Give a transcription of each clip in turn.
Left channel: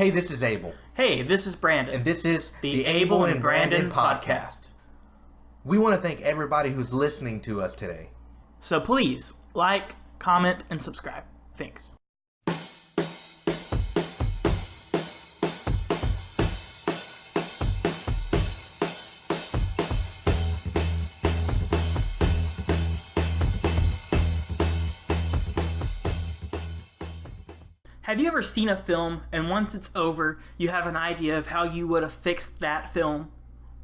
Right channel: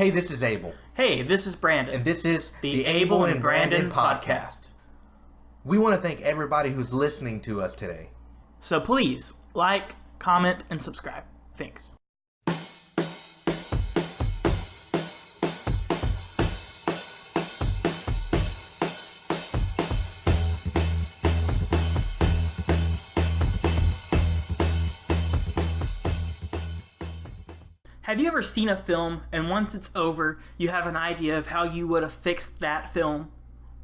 Hey, this is Abel. Hey, this is Brandon. And this is the Abel and Brandon Podcast. We want to thank everybody who's listening to us today. So please, like, comment, and subscribe. Thanks. Have you ever seen a film and once it's over, you have an idea of how you would have fixed that film?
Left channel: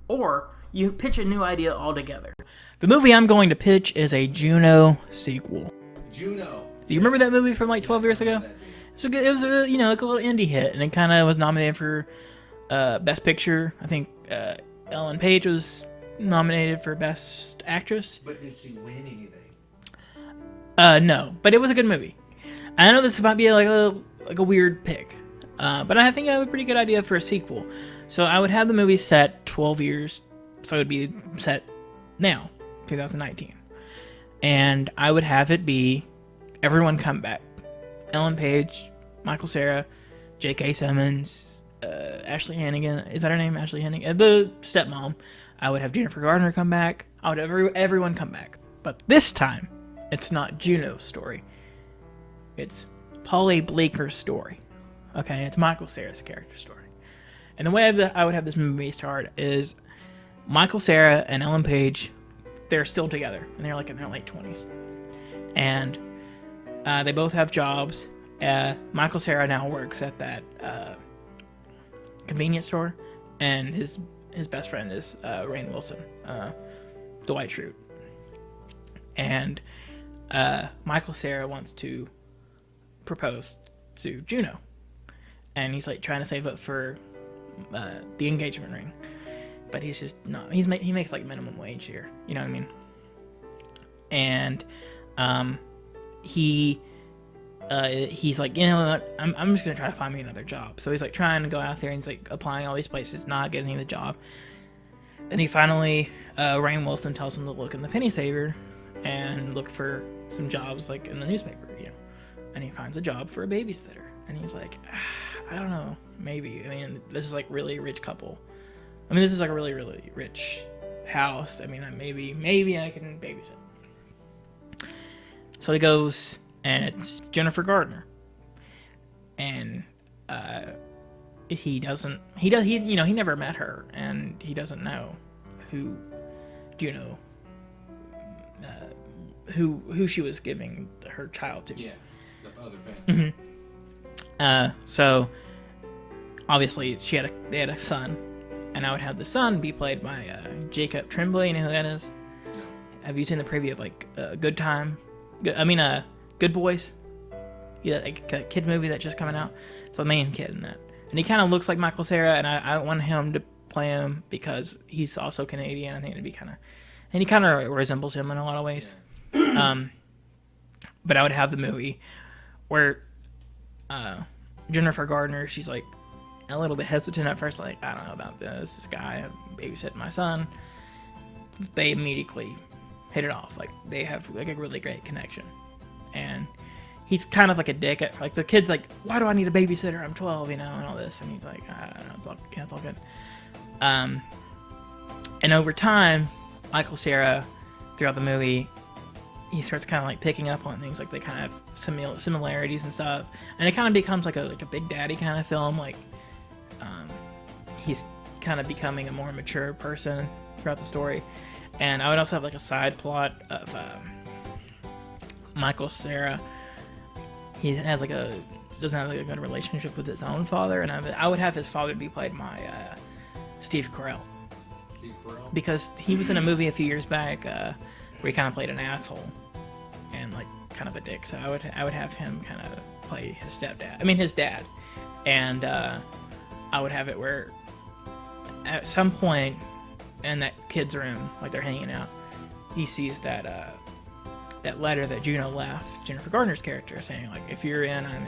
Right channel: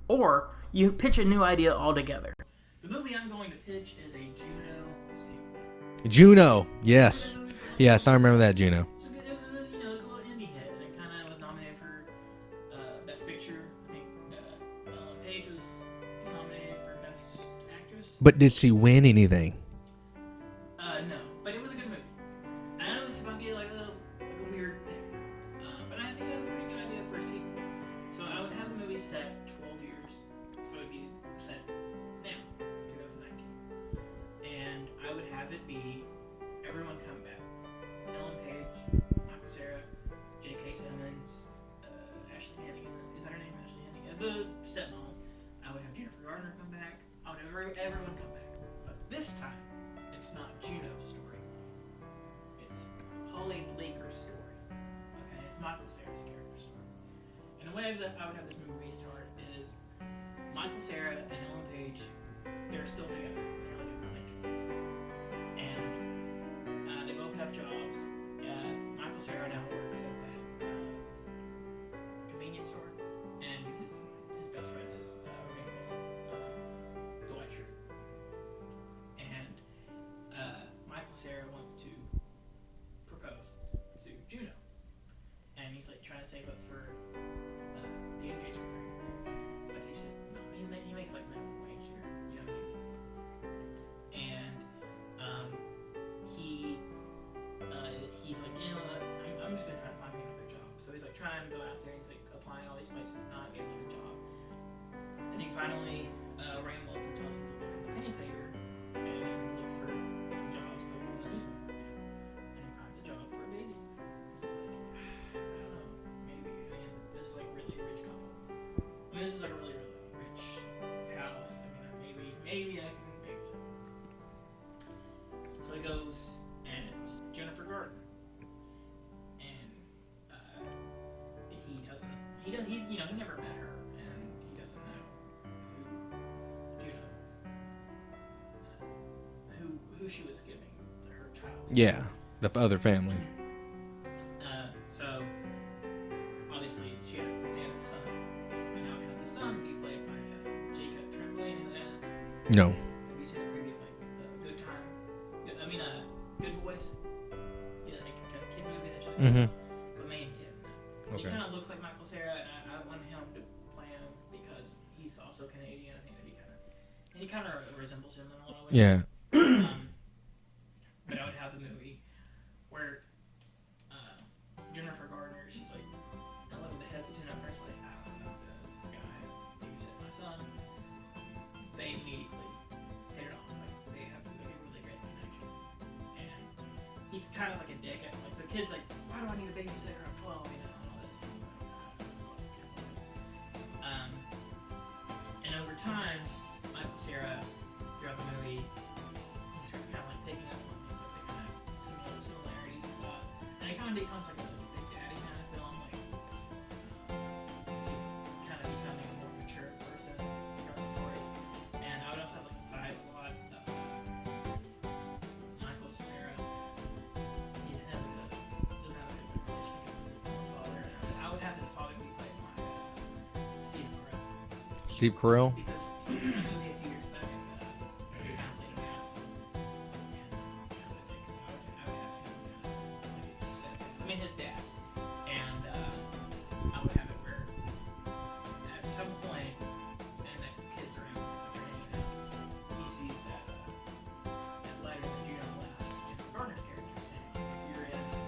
Or you pitch a new idea altogether? The movie I'm going to pitch is a Juno sequel. Juno, yes. You remember that movie from like 12 years ago? Yes, I remember that, Juno. So it was like a little indie hit, and it kind of was nominated for Best Picture. I think Ellen Page was nominated for Best Actress. But did she win anything? No, but it was a good movie. I know this might be like a weird pick, but I think I have a pretty good idea for a sequel. So I would have the movie set 12 years, so it would be set now, 2019. And I would have it be everyone come back. Ellen Page, Michael Cera, J.K. Simmons, Ashley Hannigan. Is that her name? Ashley Hannigan? The stepmom. I would have Jennifer Garner come back. I would have everyone come back. But this time, it's not Juno's story. It's Polly Bleeker's story. Okay, it's Michael Cera's character story. And the way I would have this movie start is Michael Cera and Ellen Page, they're still together, and they're like in their late 20s. And they both have jobs. Michael Cera now works at that convenience store, and his best friend is Rainn Wilson, Dwight Schrute. And Michael Cera wants to propose to Juno, and he's like trying to save up for the engagement ring, but he's just not. He makes like minimum wage here, you know what I mean? And he's like, you know what? I'm just gonna try to find me another job. So he's like trying to go out there, and he's like applying all these places, not getting the job. And he finally, Rainn Wilson tells him to look in the penny saver and look for some jobs like in the newspaper, you know. And he finds a job for a babysitter, and he's like, I don't know, maybe. I mean, this is like really rich couple. I mean, this is like a really, really rich house. I mean, maybe I can babysit. So he goes, and it's Jennifer Garner, and he never met her, and he doesn't know who Juno, who she was giving her child to. Yeah. The other family. Mm-hmm. So obviously they had a son, and I would have the son be played by Jacob Tremblay. You know who that is? No. Have you seen the preview of like Good Boys? Yeah, like a kid movie that just coming out. It's the main kid in that, and he kind of looks like Michael Cera, and I want him to play him because he's also Canadian. I think it'd be and he kind of resembles him in a lot of ways. Yeah. But I would have the movie where Jennifer Garner, she's like a little bit hesitant at first, like, I don't know about this guy babysitting my son. They immediately hit it off. Like, they have like a really great connection. And he's kind of like a dick at, like, the kid's like, why do I need a babysitter? I'm 12, you know, and all this. And he's like, I don't know, it's all good. And over time, Michael Cera, throughout the movie, he starts kind of like picking up on things, like they kind of have similarities and stuff, and it kind of becomes like a Big Daddy kind of film. Like he's kind of becoming a more mature person throughout the story. And I would also have like a side plot of Michael Cera. He has like doesn't have like a good relationship with his own father, and I would have his father be played by Steve Carell. Steve Carell? Because he was in a movie a few years back where he kind of played an asshole and like kind of a dick. So I would have him kind of play his dad. And I would have it where at some point in that kid's room, like they're hanging out, he sees that letter that Juno left Jennifer Garner's character, saying like, if you're in, I'm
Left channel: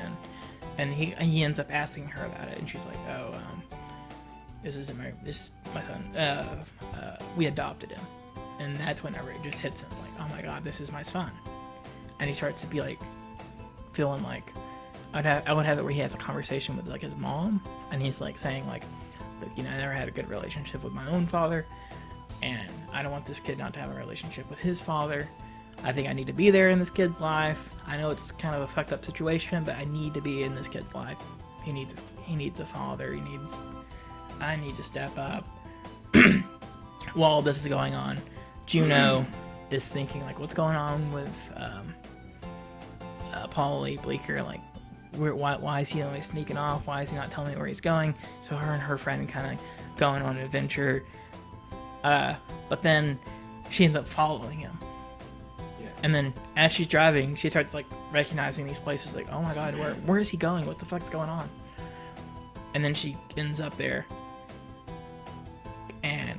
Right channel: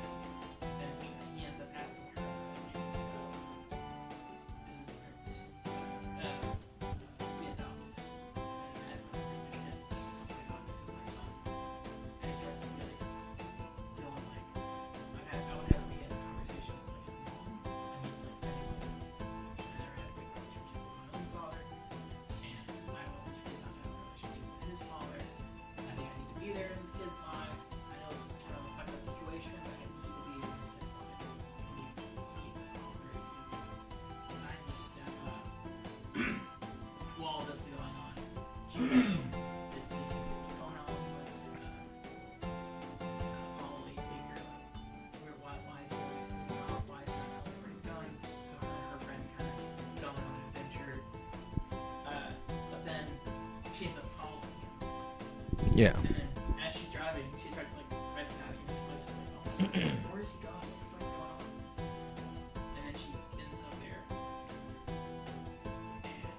in. And he ends up asking her about it, and she's like, oh, this is my son. We adopted him. And that's whenever it just hits him, like, oh my god, this is my son. And he starts to be like, feeling like I would have it where he has a conversation with like his mom, and he's like saying like, you know, I never had a good relationship with my own father, and I don't want this kid not to have a relationship with his father. I think I need to be there in this kid's life. I know it's kind of a fucked up situation, but I need to be in this kid's life. He needs a father. I need to step up. While all this is going on, Juno is thinking like, what's going on with Paulie Bleecker? Like, why is he always sneaking off? Why is he not telling me where he's going? So her and her friend kind of going on an adventure. But then she ends up following him. Yeah. And then as she's driving, she starts like recognizing these places. Like, oh my god, where is he going? What the fuck's going on? And then she ends up there. And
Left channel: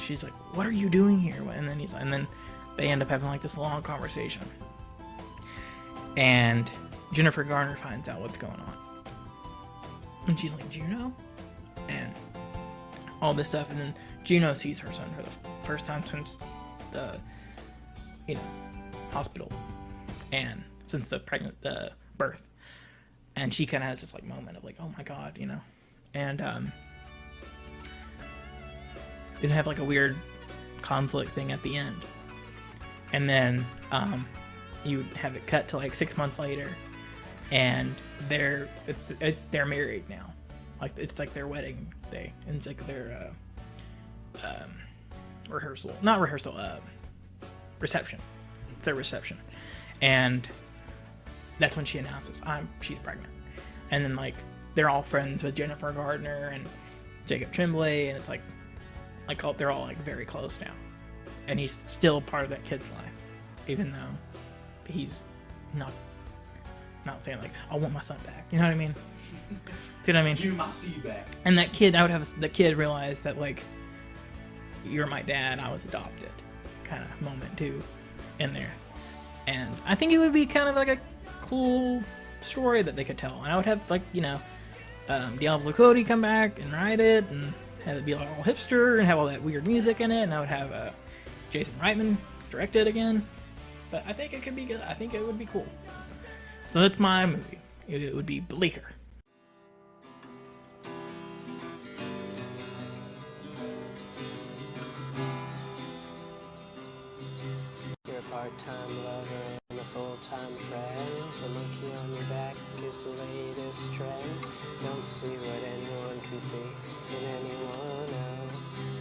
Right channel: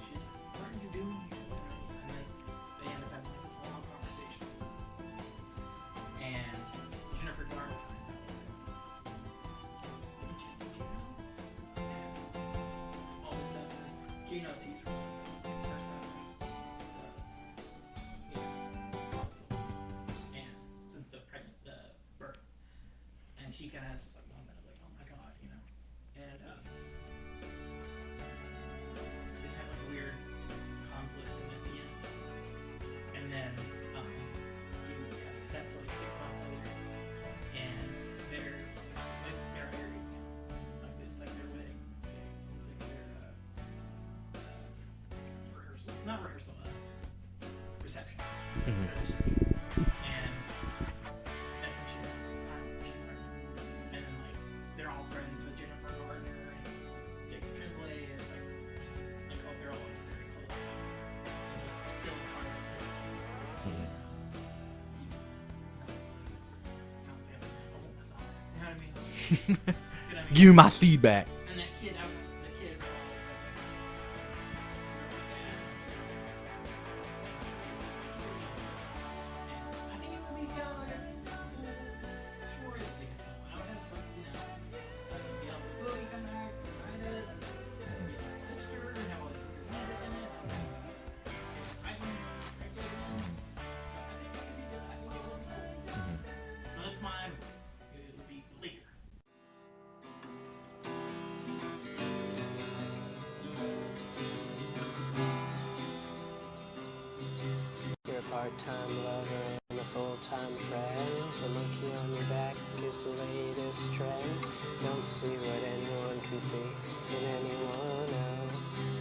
she's like, what are you doing here? And then they end up having like this long conversation. And Jennifer Garner finds out what's going on. And she's like, Juno? And all this stuff. And then Juno sees her son for the first time since the, hospital. And since the birth. And she kind of has this like moment of like, oh my god, And it have like a weird conflict thing at the end. And then you have it cut to like 6 months later, and they're married now. Like it's like their wedding day, and it's like their reception. Mm-hmm. It's their reception, and that's when she announces she's pregnant. And then like they're all friends with Jennifer Gardner and Jacob Tremblay, and it's like they're all like very close now, and he's still part of that kid's life, even though he's not saying like, I want my son back. You know what I mean? You know what I mean? Give my seed back. And that kid, the kid realize that like, you're my dad, I was adopted, kind of moment too, in there. And I think it would be kind of like a cool story that they could tell. And I would have like, Diablo Cody come back and write it, and have it be like all hipster and have all that weird music in it. And I would have Jason Reitman direct it again. But I think it could be good. I think it would be cool. So that's my movie. It would be Bleecker. You're a part-time lover and a full-time friend. The monkey on your back is the latest trend. Don't see what anyone can see in anyone else.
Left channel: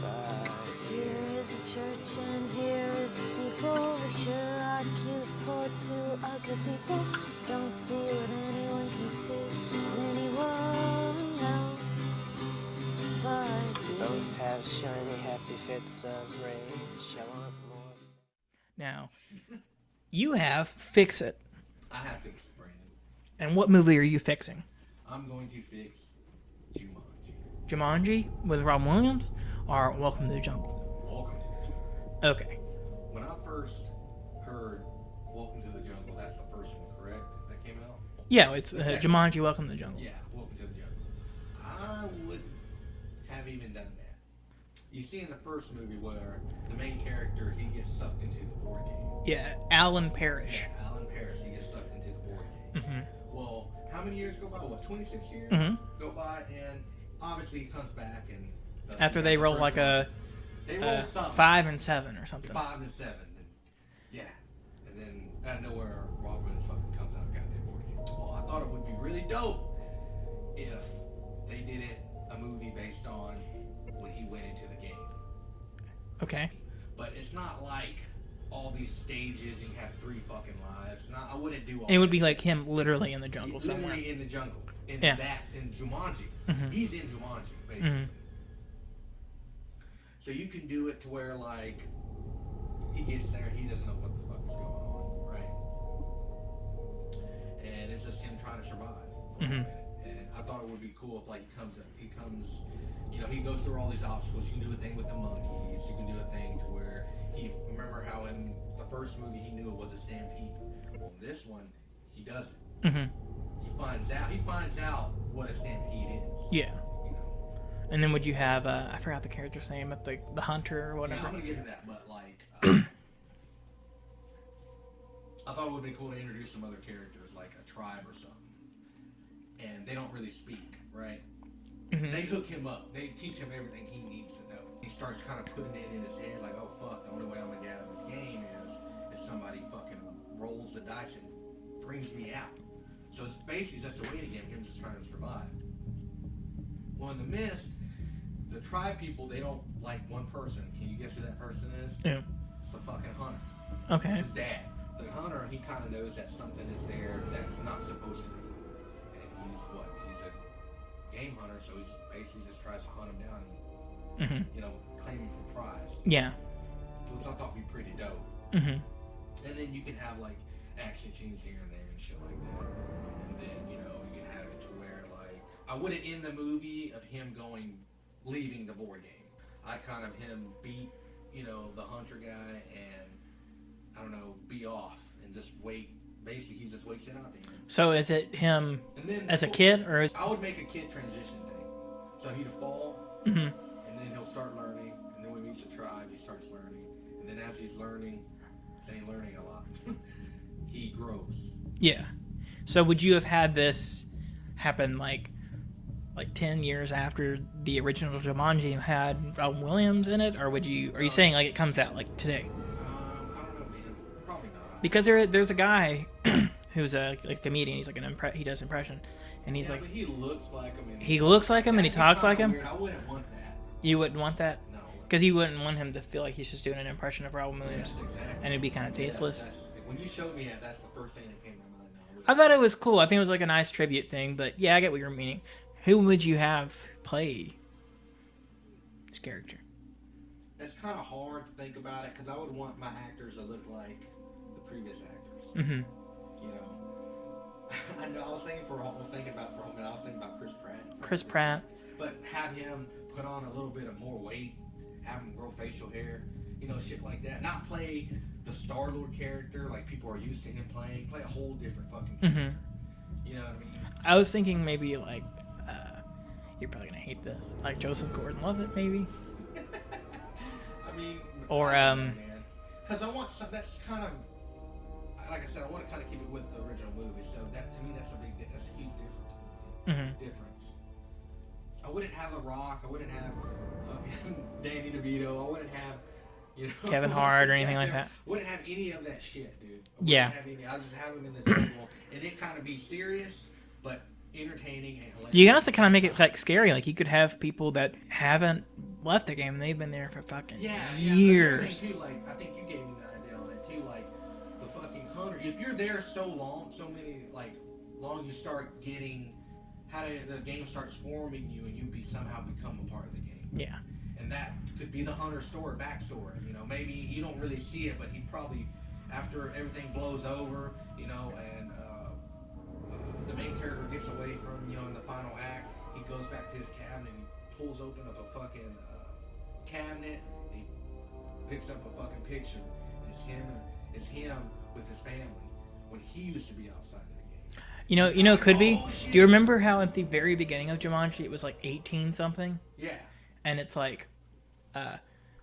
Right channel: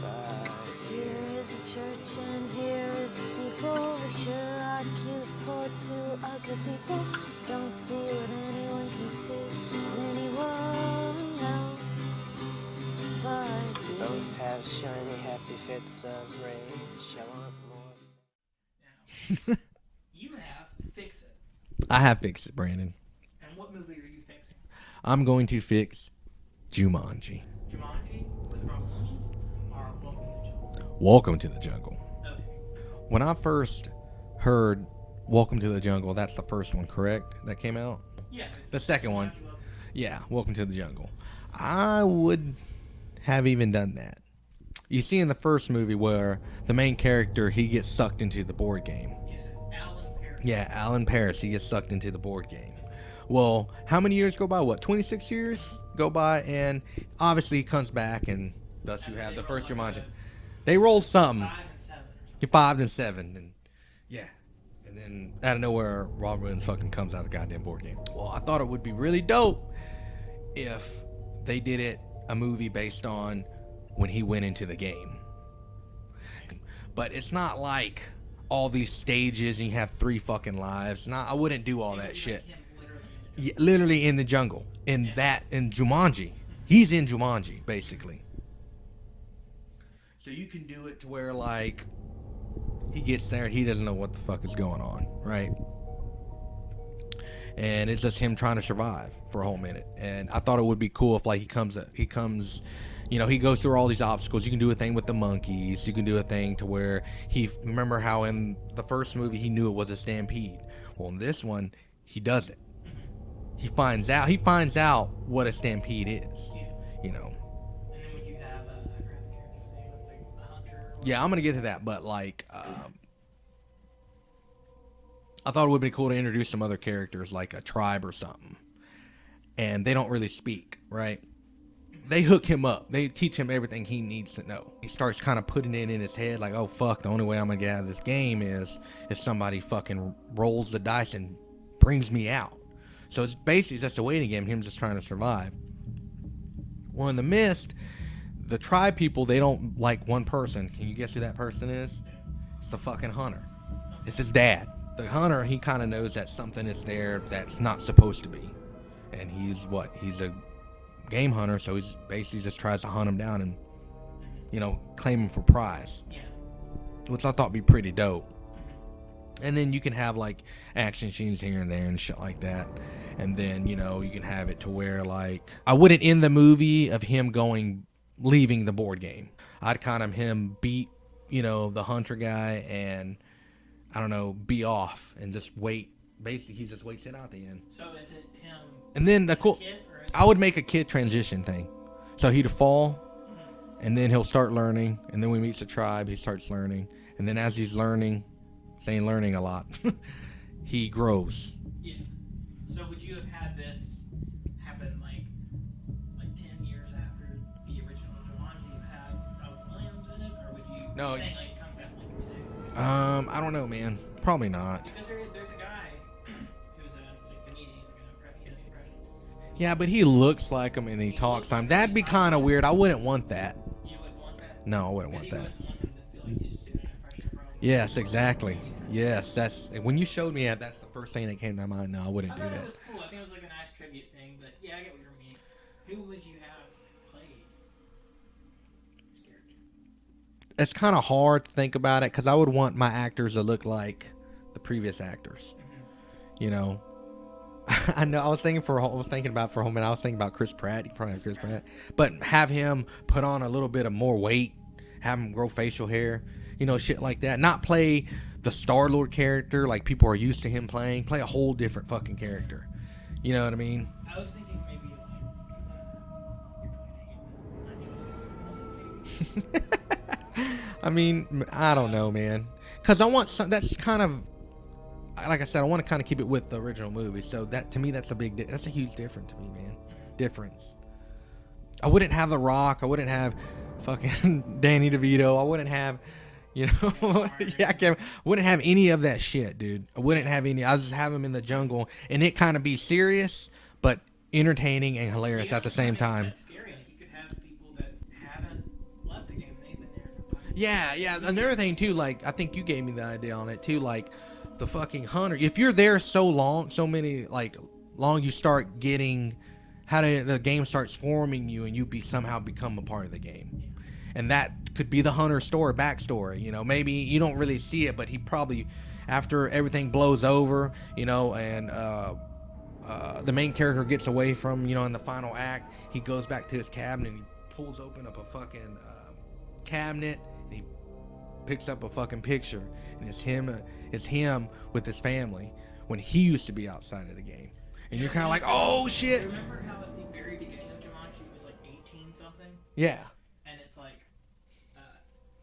But here is a church and here is a steeple. We sure are cute for two ugly people. Don't see what anyone can see in anyone else. But both have shiny, happy fits of rage. I want more. Now, you have Fix It. I have fixed it, Brandon. And what movie are you fixing? I'm going to fix Jumanji. Jumanji with Robin Williams or Welcome to the Jungle? Welcome to the Jungle. Okay. When I first heard Welcome to the Jungle, that's the first one, correct? That came out? Yeah, it's the second Jumanji, one. Welcome to the Jungle. Yeah, Welcome to the Jungle. I would have even done that. You see in the first movie where the main character, he gets sucked into the board game. Yeah, Alan Parrish. Yeah, Alan Parrish, he gets sucked into the board game. Mm-hmm. Well, how many years go by? What, 26 years go by? And obviously he comes back and... After they roll like Jumanji. They roll something. 5 and 7 or something. 5 and 7. And yeah. And then out of nowhere, Robin Williams fucking comes out of the goddamn board game. Well, I thought it would be really dope if they did a movie based on when he went into the game. Okay. But it's not like all these stages and you have 3 fucking lives. I wouldn't do all that. It would be shit. like him literally in the jungle. Yeah, literally in the jungle. In Jumanji. Mm-hmm. He's in Jumanji, basically. Mm-hmm. So you can do it to where, like, he gets there and he doesn't know what the fuck is going on, right? And it's just him trying to survive for a whole minute. And I thought it would be cool if, like, he comes, he goes through all these obstacles. You can do a thing with the monkeys. You can do a thing to where remember how in the first movie he knew it was a stampede. Well, in this one, he doesn't. Mm-hmm. He finds out what a stampede is. Yeah. And then would you have, I forgot the character's name, but the hunter or whatever. Yeah, I'm going to get to that, but like, I thought it would be cool to introduce some other characters, like a tribe or something. And they don't really speak, right? Mm-hmm. They hook him up. They teach him everything he needs to know. He starts kind of putting it in his head, like, oh, fuck, the only way I'm going to get out of this game is if somebody fucking rolls the dice and brings me out. So it's basically just a waiting game, him just trying to survive. Well, in the Mist, the tribe people, they don't like one person. Can you guess who that person is? Yeah. It's the fucking hunter. Okay. It's his dad. The hunter, he kind of knows that something is there that's not supposed to be. And he's a game hunter, so he's basically just tries to hunt him down and, claim him for prize. Yeah. Which I thought would be pretty dope. Mm-hmm. And then you can have, like, action scenes here and there and shit like that. And then, you can have it to where, like, I wouldn't end the movie of him leaving the board game. I'd kind of him beat, the hunter guy and, I don't know, be off and just wait. Basically, he just waits it out at the end. So is it him and then as a kid? Or I would make a kid transition thing. So he'd fall, and then he'll start learning. And then when he meets the tribe, he starts learning. And then as he's learning, saying learning a lot, he grows. Yeah. So would you have had this happen like 10 years after the original Jumanji had Robin Williams in it? Or are you saying like it comes out like today? I don't know, man. Probably not. Because there's a guy who's a comedian. He's like he does impression. And but he looks like him and he looks like him. That'd be kind of weird. I wouldn't want that. You wouldn't want that? No, I wouldn't. Because you wouldn't want him to feel like he's just doing an impression of Robin Williams. Yes, exactly. And it'd be kind of tasteless. Yes, when you showed me that, that's the first thing that came to mind. No, I wouldn't. I thought it was cool. I think it was like a nice tribute thing. But yeah, I get what you're meaning. Who would you have play this character? It's kind of hard to think about it because I would want my actors to look like the previous actors. Mm-hmm. I know. I was thinking for a minute. I was thinking about Chris Pratt. Chris Pratt. But have him put on a little bit of more weight. Have him grow facial hair. Shit like that. Not play the Star-Lord character like people are used to him playing. Play a whole different fucking character. Mm-hmm. You know what I mean? I was thinking maybe like you're probably gonna hate this. Like Joseph Gordon-Levitt, maybe. I mean, or, I don't know, man. Because I want some. That's kind of. Like I said, I want to kind of keep it with the original movie. So that to me, that's a huge difference to me, man. Mm-hmm. Difference. I wouldn't have The Rock. I wouldn't have fucking Danny DeVito. I wouldn't have, Kevin Hart or anything like that. I wouldn't have any of that shit, dude. I wouldn't have any. I just have him in the jungle and it kind of be serious, but entertaining and hilarious. You have to kind of make it like scary. Like you could have people that haven't left the game. They've been there for fucking years. Another thing too, like I think you gave me the idea on it too, like. The fucking hunter. If you're there so long, you start getting the game starts forming you, and you somehow become a part of the game. Yeah, and that could be the hunter's backstory. Maybe you don't really see it, but he probably, after everything blows over, and the main character gets away from, in the final act, he goes back to his cabinet and he pulls open up a fucking cabinet and he picks up a fucking picture, and it's him. It's him with his family when he used to be outside of the game. It could be. Shit. Do you remember how at the very beginning of Jumanji it was like 18 something? Yeah. And it's like,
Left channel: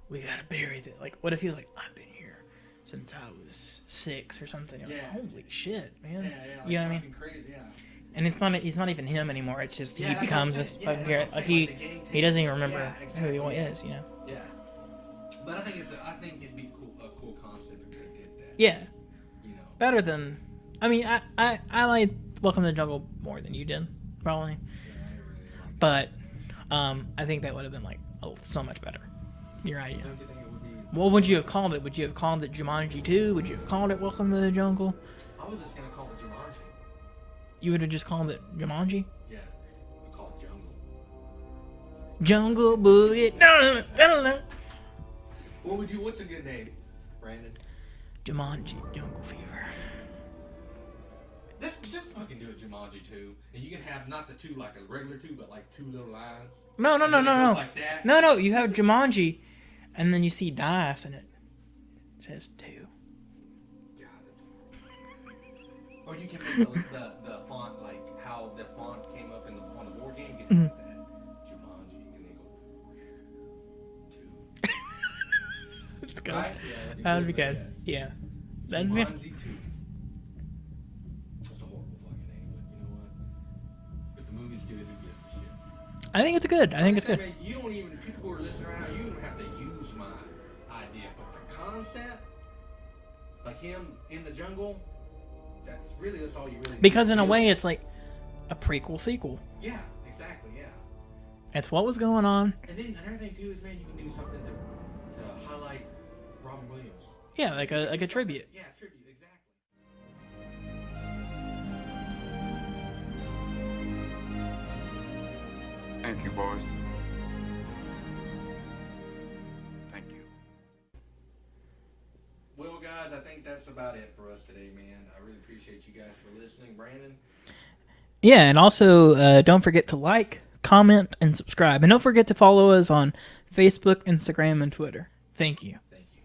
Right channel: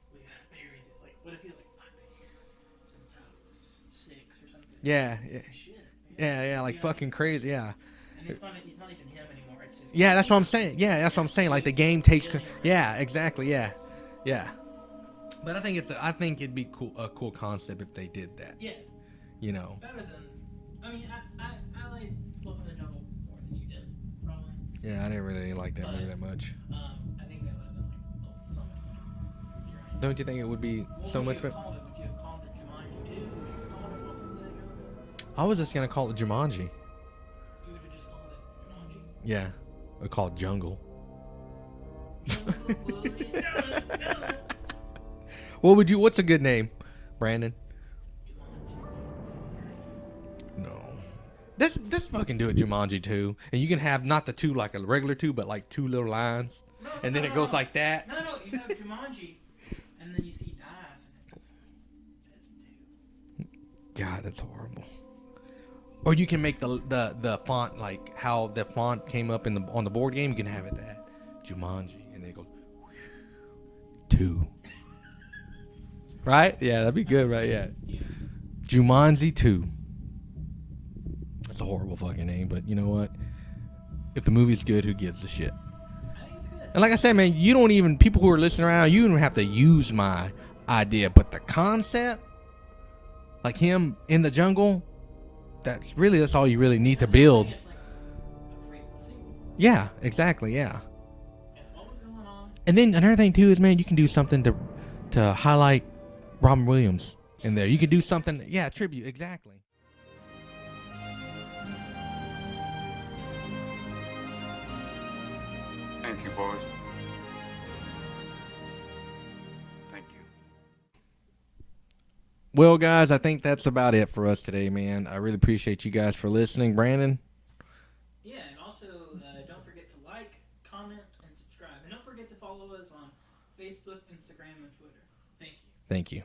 we gotta bury it. Like, what if he was like, I've been here since I was 6 or something? Yeah. Like, shit, man. Yeah, like fucking crazy. Yeah. And it's not even him anymore. It's just that's what I'm saying. Yeah, that's what I'm saying. Like the game takes. He doesn't even remember. Yeah, exactly. Yeah. Is, Yeah. But I think it'd be a cool concept if they did that. Yeah. Better than, I mean, I like Welcome to the Jungle more than you did, probably. Yeah, I didn't really like that much. I think that would have been like so much better. You're right. Don't you think it would be? What would you have called it? Would you have called it Jumanji 2? Would you have called it Welcome to the Jungle? I was just gonna call it Jumanji. You would have just called it Jumanji? Yeah, I would call it Jungle. Jungle Boogie. No. What's a good name, Brandon? Jumanji, Jungle Fever. No. Let's fucking do it, Jumanji 2. And you can have not the 2 like a regular 2, but like 2 little lines. No. It goes like that. No. You have Jumanji, and then you see dice, and it says 2. God, that's horrible. Or you can make the font like how the font came up on the board game. You can have it that Jumanji, and then it goes 2. Right? Yeah, that'd be good, right? Yeah. Jumanji 2. a horrible fucking name, but you know what? If the movie's good, who gives a shit? I think it's good. And like I said, man, you don't even, people who are listening around, you don't have to use my idea, but the concept, like him in the jungle, that's all you really need to build. Because in a way, it's like a prequel sequel. Yeah, exactly, yeah. It's what was going on. And then another thing too is, man, you can do something to highlight Robin Williams. Yeah, in there. like You can do a something. tribute. Yeah, tribute, exactly. Thank you, boys. Thank you. Well, guys, I think that's about it for us today, man. I really appreciate you guys for listening. Brandon? Yeah, and also don't forget to like, comment, and subscribe. And don't forget to follow us on Facebook, Instagram, and Twitter. Thank you. Thank you.